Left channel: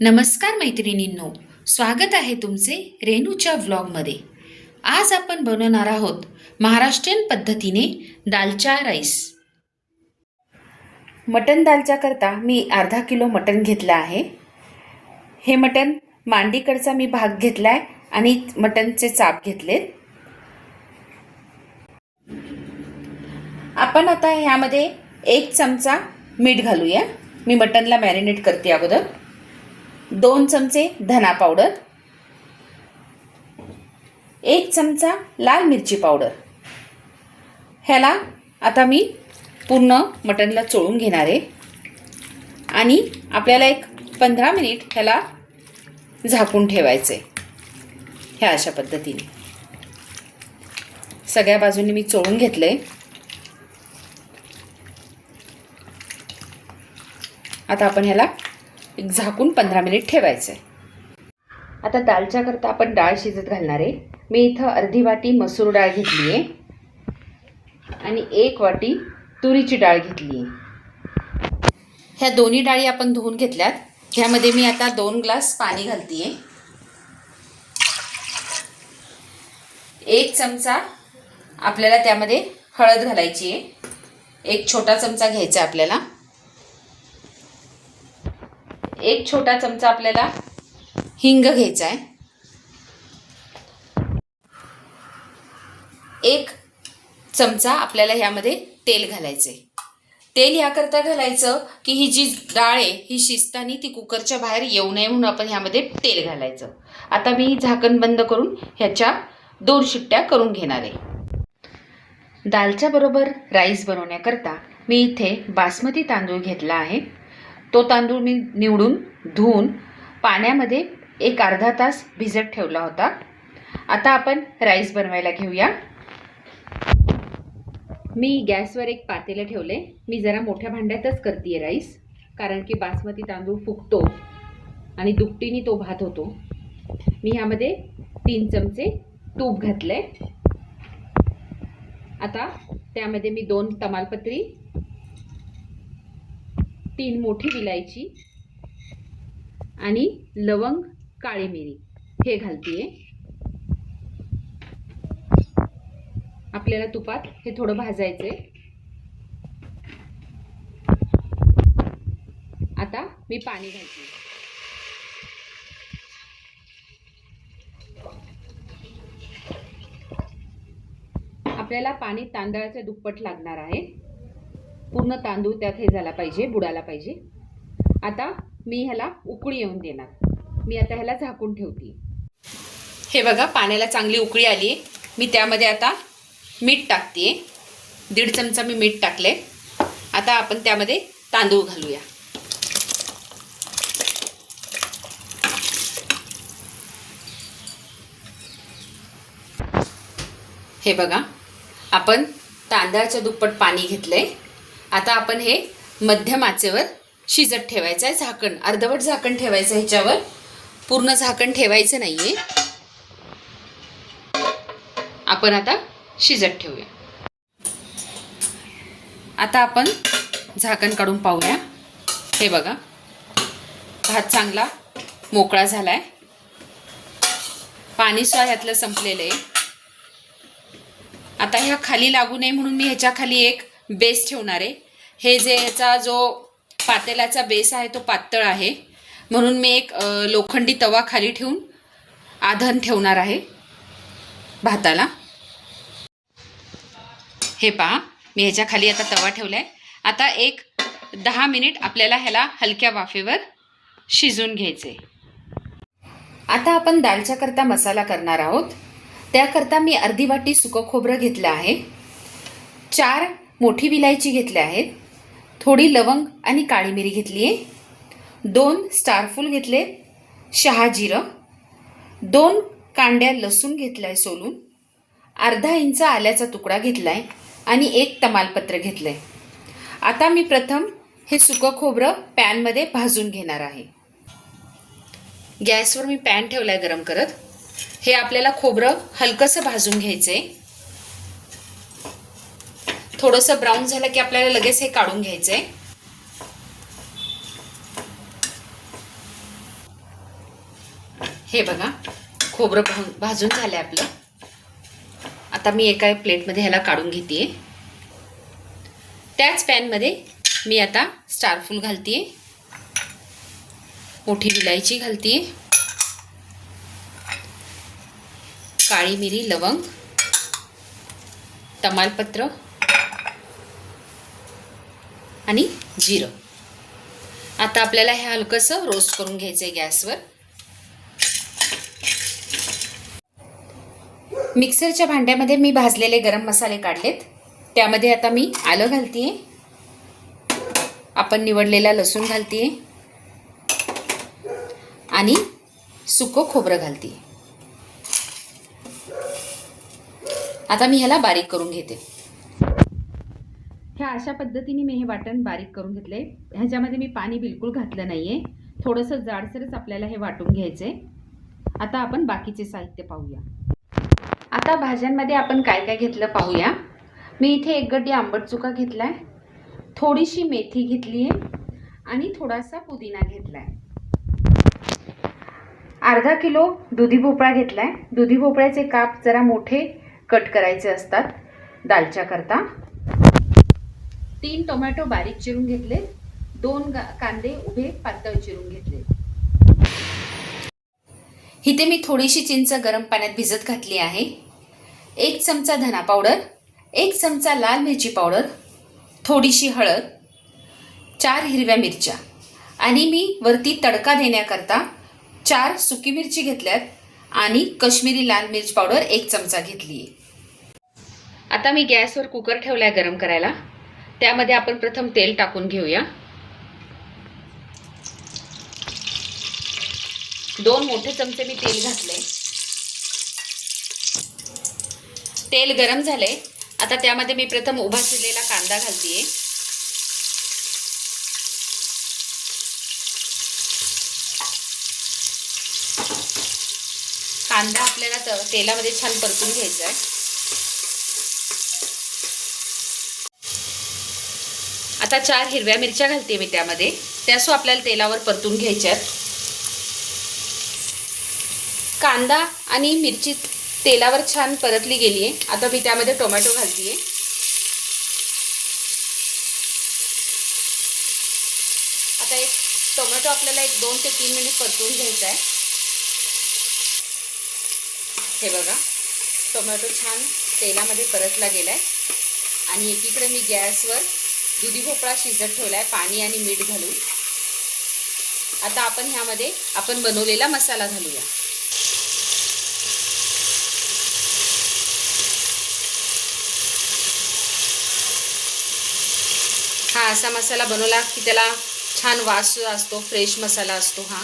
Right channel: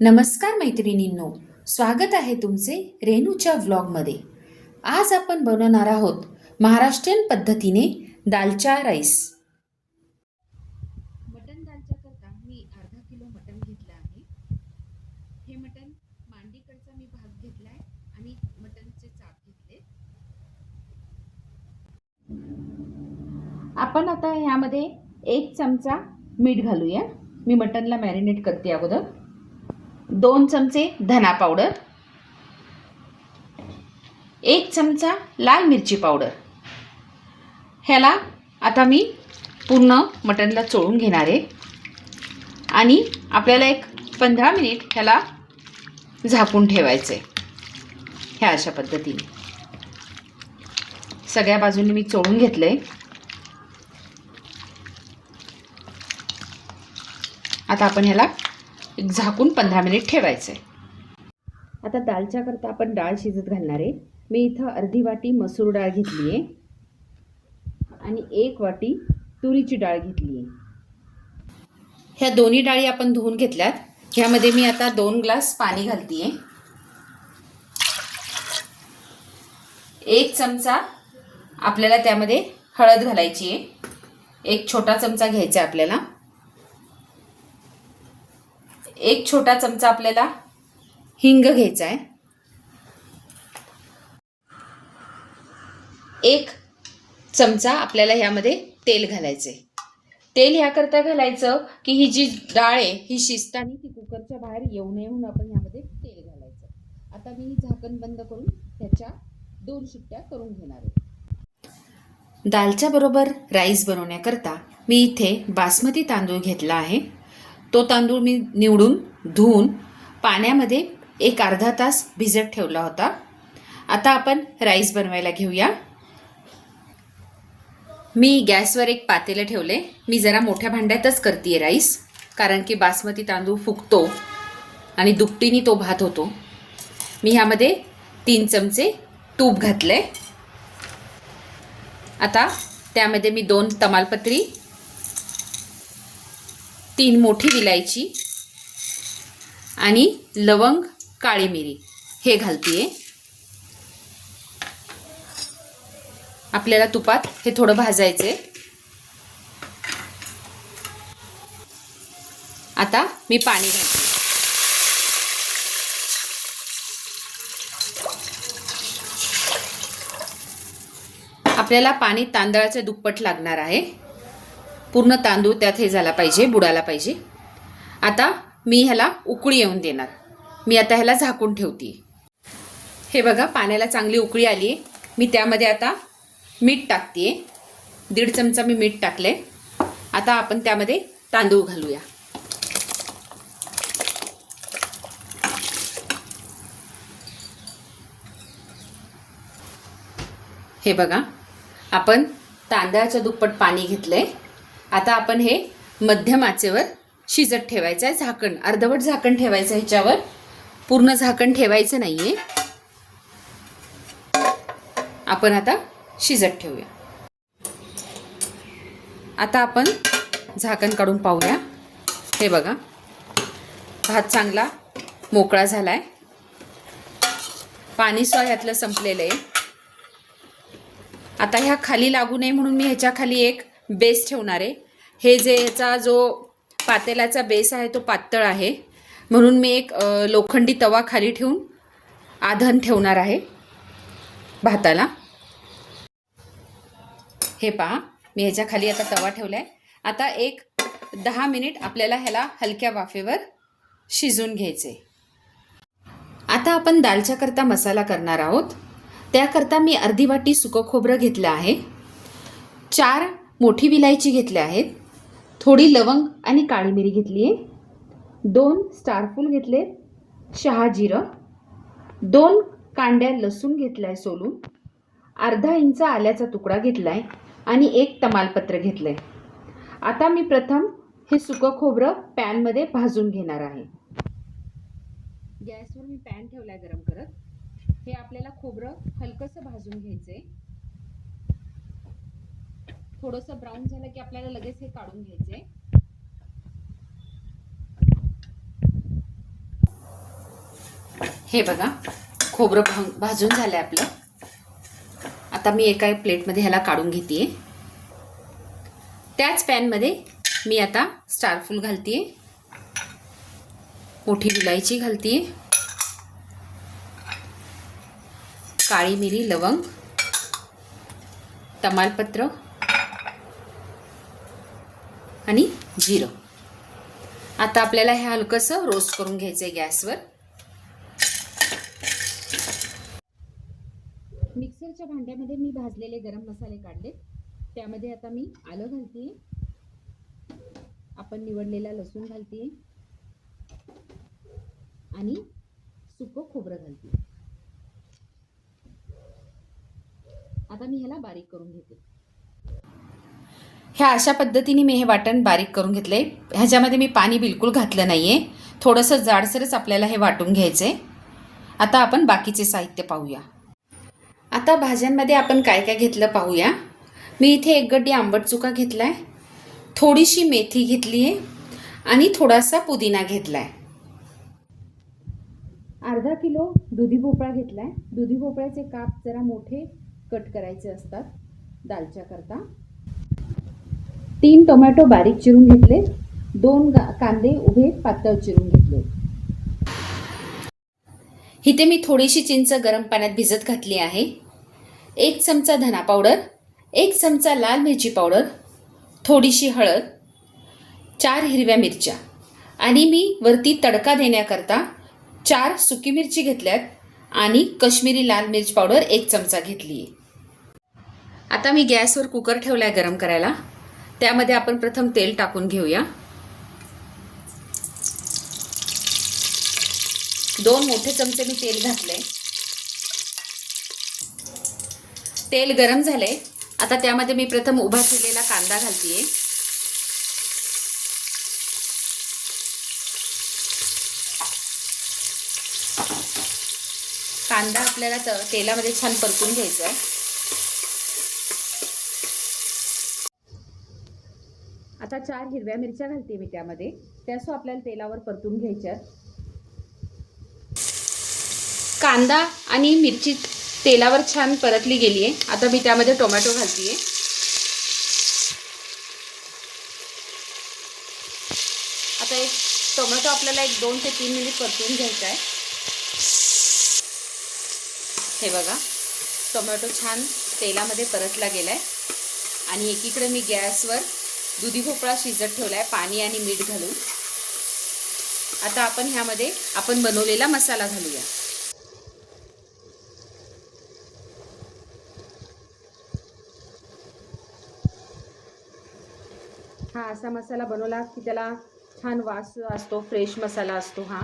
नमस्कार मैत्रिणींनो, स्वागत आहे तुमचे रेणूच्या व्लॉगमध्ये। आज आपण बनवणार आहोत महाराष्ट्रीयन पद्धतीने दालचा राईस। मटन दालचा करता मी अर्धा किलो मटन घेतला आहे। हे मटन मांडीकडचा मी भाग घेतलाय आणि मटनचे चाप घेतलेत। आपण आता ह्यामध्ये 1 चमचा मीठ घालूया। मी मटनला मॅरिनेट करते अगोदर। 2 चमचे धना पावडर, 1 चमचा लाल मिरची पावडर। ह्याला आता मी पूर्ण मटनला चोळून घेणार आहे आणि आपल्याला एक 15 मिनिट ह्याला झाकून ठेवायचे। ह्या अशा पद्धतीने सगळ्या बाजूंनी मी चोळून घेतले। आता आपण ह्याला एक झाकून 15 मिनिट ठेवायचे। आता दालच्या करता आपण डाळ शिजत घालणार आहे। मी इथं अर्धी वाटी मसूर डाळ घेतली आहे आणि 1 वाटी तुरीची डाळ घेतली आहे। ह्या दोन्ही डाळी आपण धुवून घेतल्यात। ह्यामध्ये मी आता 2 ग्लास पाणी घालते। 1 चमचा आपल्याला त्यामध्ये हळद घालायची आहे। 1 छोटा चमचा घ्यायचा आपल्याला। 1 छोटा चमचा आपल्याला हिंग घ्यायचा आहे। 1 चमचा आपल्याला ह्यामध्ये तेल घालायचे। तेल ह्याकरता घालायचं की ही जी डाळ आहे ही शिजताना ती कुकरच्या बाहेर येऊ नये म्हणून आपण ह्यामध्ये तेल घालायचं। आता मी झाकण बंद करून ह्याच्या 2 शिट्ट्या करून घेणार आहे। दालच्या बरोबर राईस बनवण्याकरता मी इथे बासमती तांदूळ घेतला आहे। तो तांदूळ मी निवडून धुवून पाण्यामध्ये एक अर्धा तास भिजत ठेवला होता। आता आपण राईस बनवायला घेऊया। मी गॅसवर एक पातेलं ठेवले। मी जरा मोठ्या भांड्यातच करते राईस, कारण की बासमती तांदूळ फुगतो आणि दुपटीने तो भात होतो। मी ह्यामध्ये 3 चमचे तूप घातले। आता त्यामध्ये मी 2 तमालपत्री, 3 मोठी विलायची आणि लवंग, काळी मिरी हे घालतीये। आपल्याला तुपात हे थोडं भाजायचे। आता मी पाणी घालते। आपल्याला पाणी तांदळाचे दुप्पट लागणार आहे। पूर्ण तांदूळ त्यात हे झाला पाहिजे, बुडाला पाहिजे। आता मी ह्याला उकळी येऊन देणार। मी आता ह्याला झाकून ठेवते। हे बघा, पाण्याला चांगली उकळी आली। मी त्यामध्ये आता मीठ टाकते। 1.5 चमचा मी मीठ टाकले। आता आपण त्यामध्ये तांदूळ घालूया। हे बघा, आपण तांदळाचं दुप्पट पाणी घेतलंय। आता आपण हे मध्यम आचेवर शिजत ठेवायचं आहे। झाकण अर्धवट झाकण ठेवायचं, ह्याच्यावर पूर्ण झाकण ठेवायचं नाहीये। आपण आता शिजत ठेवूया। आता आपण झाकण काढून पाहूया। हे बघा, भात चांगला मोकळा झालाय। पाणी सुद्धा ह्यातलं संपलेलं आहे। आता ह्या खाली लागू नये म्हणून मी ह्याच्या खाली एक बेस ठेवणार आहे। हे जे ह्याचा जो पातेलाचा बेस आहे तो पातळ आहे, म्हणून मी एक लोखंडी तवा खाली ठेवून आधण ठेवणार आहे भाताला। हे पहा, मी ह्याच्या खाली आता तवा ठेवलाय। आता एक 10 मिनिट आपल्याला ह्याला हलक्या वाफेवर शिजून घ्यायचे। आता आपण दालच्या करता मसाला करणार आहोत। त्याकरता मी अर्धी वाटी सुकं खोबरं घेतलं आहे। 4 मोठी विलायची घेतल्या आहेत। थोडी लवंग आणि काळी मिरी घेतली आहे। 2 स्टारफूल घेतले, शहाजिरं, 2 कांड्या लसूण घेतलाय सोलून, अर्धा इंच आल्याचा तुकडा घेतलाय आणि 1 तमालपत्र घेतलंय। आता मी प्रथम हे सुकं खोबरं पॅनमध्ये भाजून घेणार आहे। गॅसवर मी पॅन ठेवलाय गरम करत। हे आपल्याला खोबरं हलकंसं भाजून घ्यायचंय। थोडंसं ब्राऊन झालं की आपल्याला लगेच हे काढून घ्यायचंय। हे बघा खोबरं भाजून झालं आहे आपलं. आता मी एका प्लेटमध्ये ह्याला काढून घेते. त्याच पॅनमध्ये मी आता स्टारफूल घालते, मोठी विलायची घालते, काळी मिरी, लवंग, तमालपत्र आणि जिरं. आता आपल्याला हे हलकंसं रोस्ट करून घ्यायचं आहे गॅसवर. मिक्सरच्या भांड्यामध्ये मी भाजलेले गरम मसाले काढलेत. त्यामध्ये आता मी आलं घालते, आपण निवडलेला लसूण घालते आणि सुकं खोबरं घालते. आता मी ह्याला बारीक करून घेते. ह्या अशा पद्धतीने मी हे वाटण बारीक करून घेतलं आहे. ह्याच्यामध्ये मी पाणी बिलकुल घातलं नाही आहे. थोडंसं जाडसरच आपल्याला हे वाटून घ्यायचं आहे. आता आपण बाकीचे साहित्य पाहूया. आता भाज्यांमध्ये आपण काय काय घेतलं पाहूया. मी इथे 1 गड्डी आंबट चुका घेतला आहे, थोडीशी मेथी घेतली आहे आणि थोडासा पुदिना घेतला आहे. अर्धा किलो दुधी भोपळा घेतला आहे. दुधी भोपळ्याचे काप जरा मोठे कट करायचे असतात दालच्या करता. 3 टोमॅटो बारीक चिरून घेतले, 2 कांदे उभे पातळ चिरून घेतले. इथे मी थोडीशी चिंच गरम पाण्यात भिजत घातली आहे. 1 चमचा धना पावडर, 1 चमचा लाल मिरची पावडर, थोडीशी हळद, 4 हिरव्या मिरच्या आणि मी वरती तडका देण्याकरता 4 सुकी मिरची घेतल्यात आणि कश्मीरी लाल मिर्च पावडर 1 चमचा घेतली आहे. आता मी गॅसवर कुकर ठेवला आहे गरम करायला. त्यामध्ये आपण प्रथम तेल टाकून घेऊया. 2 मोठे चमचे मी तेल घातले. तेल गरम झाले. आता त्यामध्ये मी प्रथम उभा चिरलेला कांदा घालते. कांदा आपल्याला तेलामध्ये छान परतून घ्यायचा आहे. आता 4 हिरव्या मिरच्या घालते मी त्यामध्ये. त्यासो आपल्याला तेलावर परतून घ्यायच्यात. कांदा आणि मिरची तेलावर छान परतली गेली आहे. आता मी त्यामध्ये टोमॅटो घालते. आता एक टोमॅटो आपल्याला 2 ते 3 मिनिट परतून घ्यायचा आहे. हे बघा टोमॅटो छान तेलामध्ये परतला गेला आहे आणि एकीकडे मी गॅसवर दुधी भोपळा शिजत ठेवला आहे पाणी आणि मीठ घालून. आता आपण ह्यामध्ये आपण बनवलेला मसाला घालूया. हा असा मसाला बनवला की त्याला छान वास असतो, फ्रेश मसाला असतो हा.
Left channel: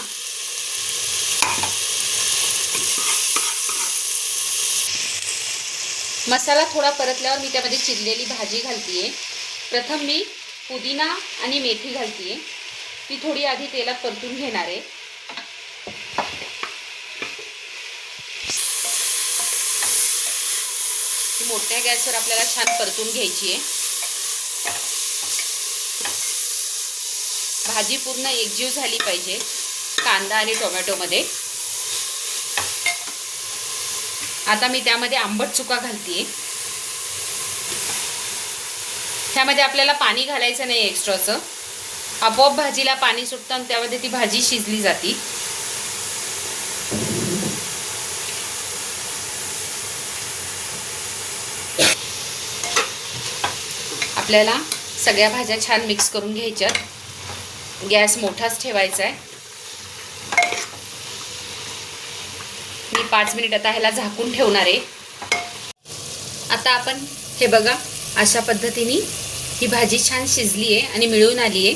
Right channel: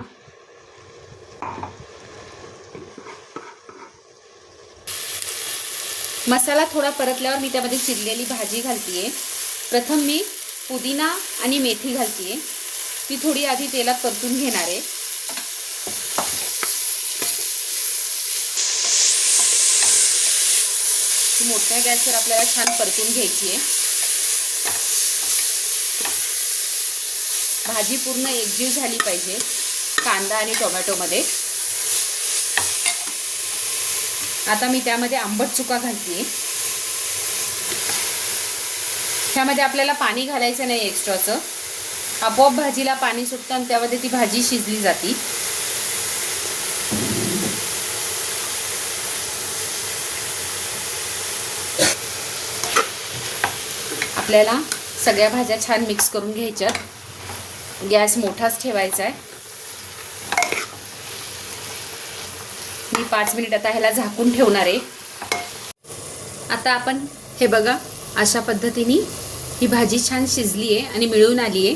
मसाला थोडा परतल्यावर मी त्यामध्ये चिरलेली भाजी घालते. प्रथम मी पुदिना आणि मेथी घालते. ती थोडी आधी तेलात परतून घेणार आहे. मोठ्या गॅसवर आपल्याला छान परतून घ्यायची आहे. भाजी पूर्ण एकजीव झाली पाहिजे कांदा आणि टोमॅटोमध्ये. आता मी त्यामध्ये आंबट चुका घालते. त्यामध्ये आपल्याला पाणी घालायचं नाही एक्स्ट्राचं. आपोआप भाजीला पाणी सुटतं आणि त्यामध्ये ती भाजी शिजली जाते. आपल्याला सगळ्या भाज्या छान मिक्स करून घ्यायच्यात. गॅस मोठाच ठेवायचा आहे. मी 5 मिनिट आता ह्याला झाकून ठेवणार आहे. आता आपण हे बघा अशा पद्धतीने ही भाजी छान शिजली आहे आणि मिळून आली आहे.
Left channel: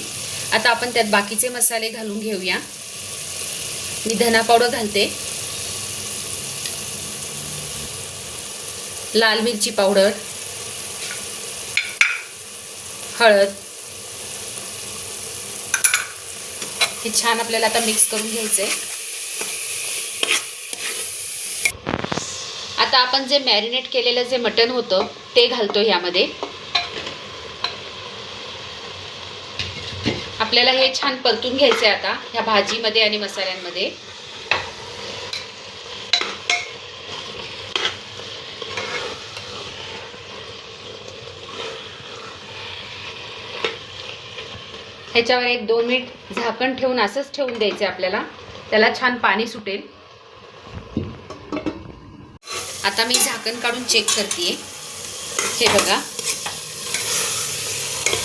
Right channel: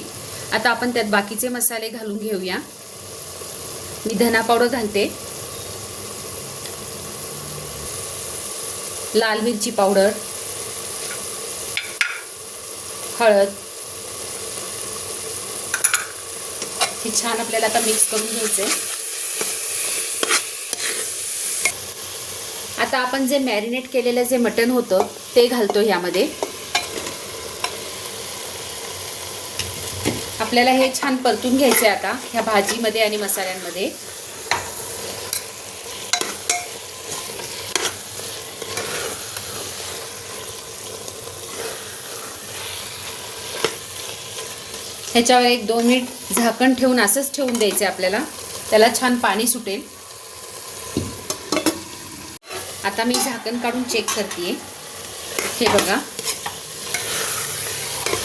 आता आपण त्यात बाकीचे मसाले घालून घेऊया. मी धना पावडर घालते, लाल मिरची पावडर, हळद. हे छान आपल्याला आता मिक्स करून घ्यायचं आहे. आता आपण जे मॅरिनेट केलेलं जे मटण होतं ते घालतो यामध्ये. आपल्याला हे छान परतून घ्यायचं आहे आता ह्या भाजीमध्ये आणि मसाल्यांमध्ये. ह्याच्यावर 1-2 मिनिट झाकण ठेवून असंच ठेवून द्यायचे आपल्याला, त्याला छान पाणी सुटेल. आता मी झाकण काढून चेक करते. हे बघा,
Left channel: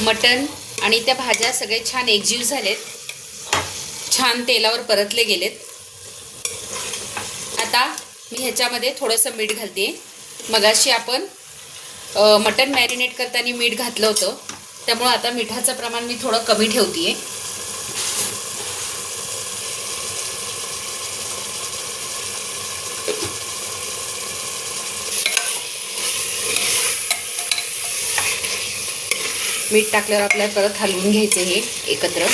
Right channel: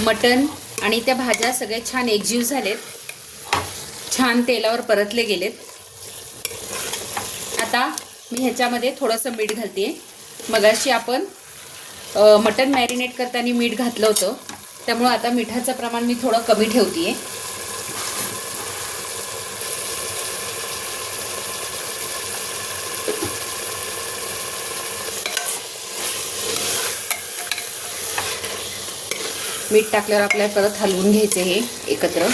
मटण आणि त्या भाज्या सगळे छान एकजीव झालेत, छान तेलावर परतले गेलेत. आता मी ह्याच्यामध्ये थोडंसं मीठ घालते. मगाशी आपण मटण मॅरिनेट करताना मीठ घातलं होतं, त्यामुळं आता मिठाचं प्रमाण मी थोडं कमी ठेवते. मीठ टाकल्यावर आपल्याला परत हलवून घ्यायचं हे एकत्र.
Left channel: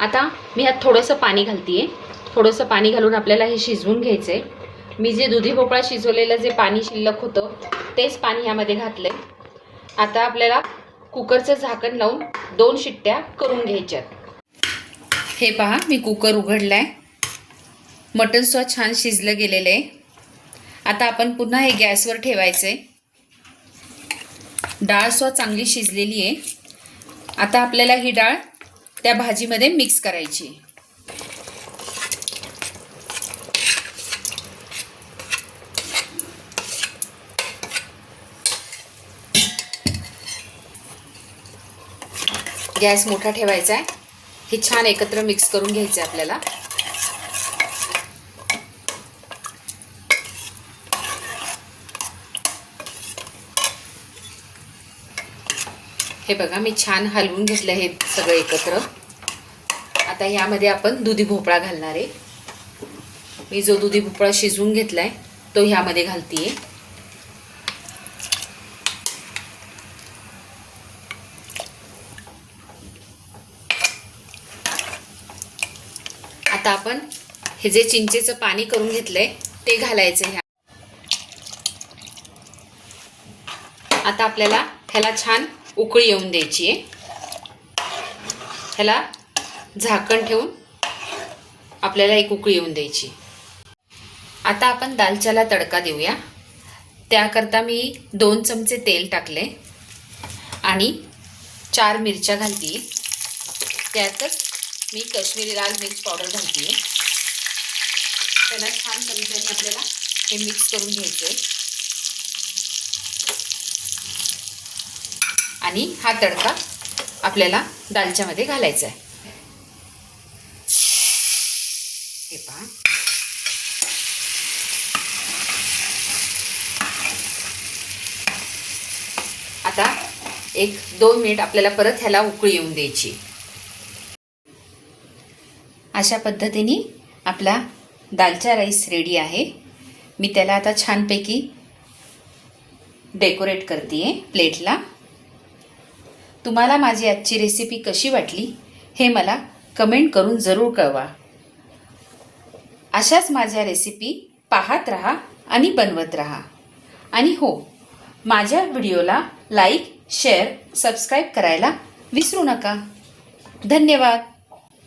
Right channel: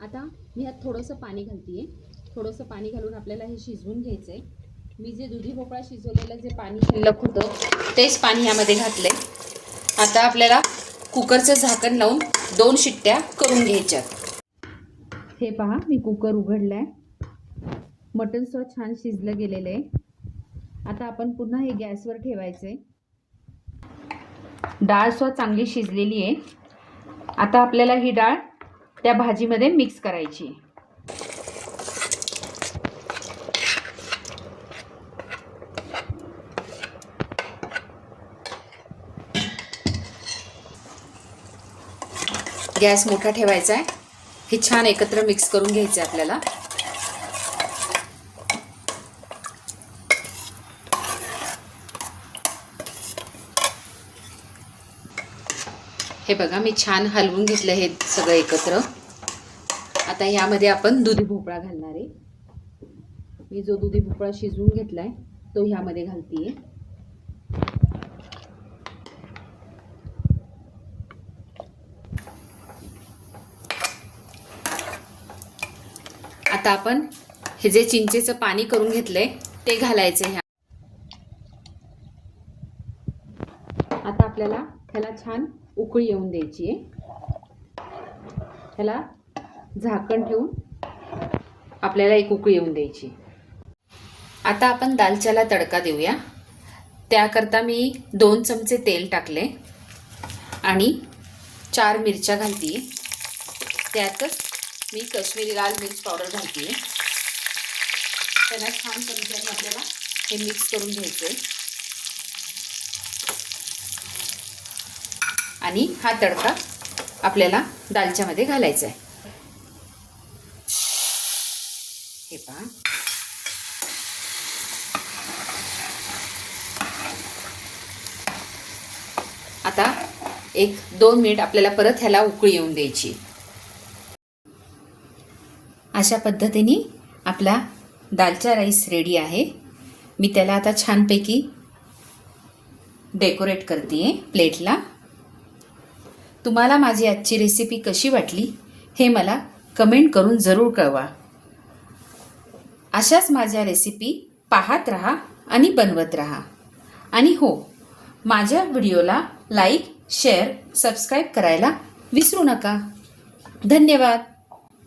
आता मी ह्यात थोडंसं पाणी घालते. थोडंसं पाणी घालून आपल्याला हे शिजवून घ्यायचं आहे. मी जे दुधी भोपळा शिजवलेलं जे पाणी शिल्लक होतं तेच पाणी ह्यामध्ये घातलं आहे. आता आपल्याला कुकरचं झाकण लावून 2 शिट्ट्या करून घ्यायच्यात. हे पहा, मी कुकर उघडला आहे. मटणसुद्धा छान शिजलं गेलेलं आहे. आता आपण पुन्हा हे गॅसवर ठेवायचं आहे. डाळसुद्धा चांगली शिजलेली आहे. आता आपल्याला ही डाळ त्या भाजीमध्ये मिक्स करायची. गॅस मोठा ठेवायचा आहे. हे छान एकत्र मिक्स करून घ्यायचं आहे आपल्याला. हे बघा, मी छान हलवून घेतलं हे सगळं एकत्र. आता ह्यामध्ये आपण दुधी भोपळा घालणार आहे. मी जो दुधी भोपळा शिजवून घेतला आहे तो ह्यामध्ये घालते. आता आपण हे जे चिंचेचं पाणी करून घेतलंय ते घालायचं ह्या. आता आपल्याला ह्याला छान उकळी येऊन द्यायची आहे. ह्याला झाकण ठेवून आपल्याला एक उकळी येऊन द्यायची. आता आपण दालच्याला तडका देऊया. त्याकरता मी 2 चमचे तेल टाकले आणि 4 मिरच्या घालते. त्यातच मी काश्मीरी लाल मिर्च पावडर घालते. त्याला छान चमच्याने आपल्याला हे मिक्स करून घ्यायचं आहे. आणि हा तडका आपल्याला दालच्यामध्ये घालायचा आहे. हे पहा, आता 1-2 मिनिट आपल्याला परत ह्याला उकळी येऊन द्यायची. अशा पद्धतीने आपला दालचा राईस रेडी आहे. मी त्याला आता छानपैकी डेकोरेट करते प्लेटला. तुम्हाला माझी आजची रेसिपी कशी वाटली हे मला कमेंट करून जरूर कळवा. अशाच माझ्या रेसिपी पाहत राहा आणि बनवत राहा. आणि हो, माझ्या व्हिडिओला लाईक, शेअर, सबस्क्राईब करायला विसरू नका. धन्यवाद.